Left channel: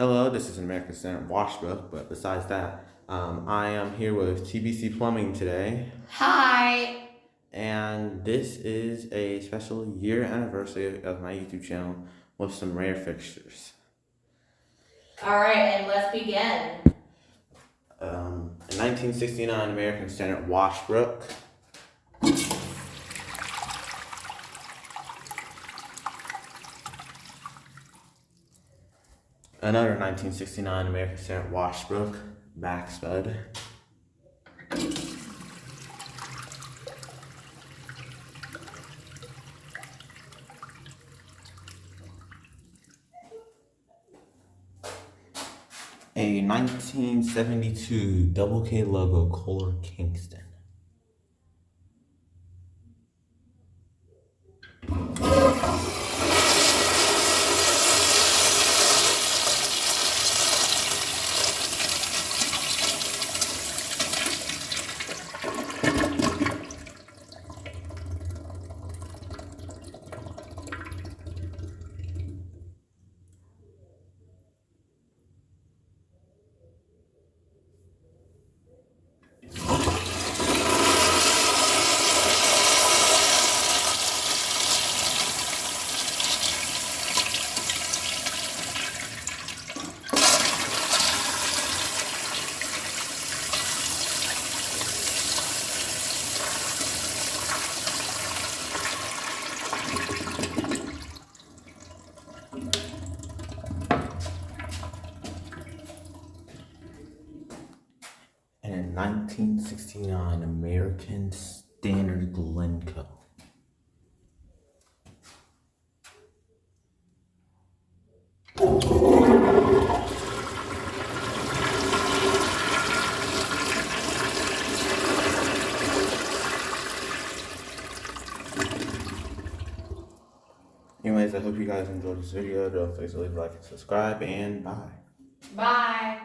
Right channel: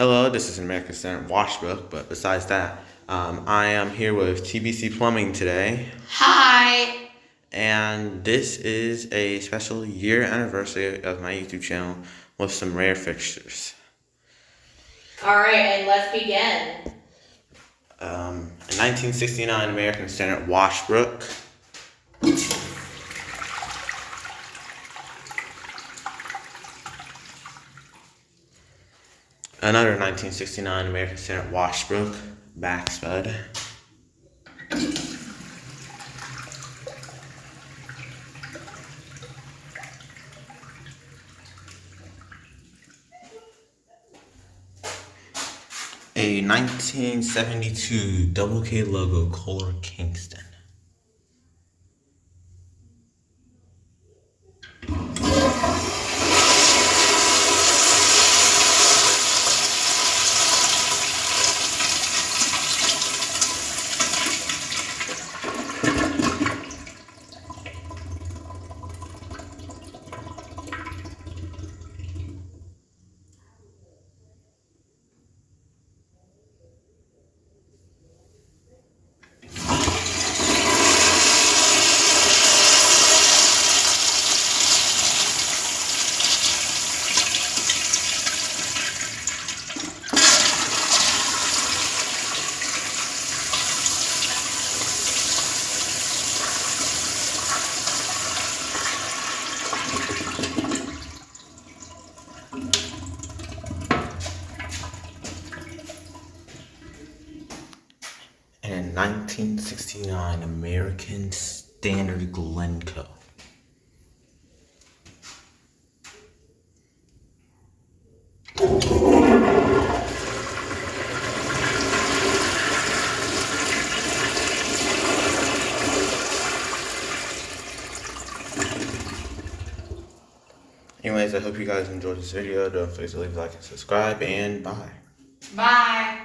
Hello, this is an American Standard Washbook, but besides that, I am here with TBC Plumbing today. Hi! And this is a special year anniversary of my YouTube channel with some rare fixtures. Alright, and let's begin. A 1969 American Standard Washbook. Another 1969 American Standard Washbook, back spud. A 1972 Double K logo Kohler Kingston. And 1969 American Standard Glencoe. Anyways, I hope you guys enjoyed this video. Don't forget to leave a like and subscribe, and bye. Bye!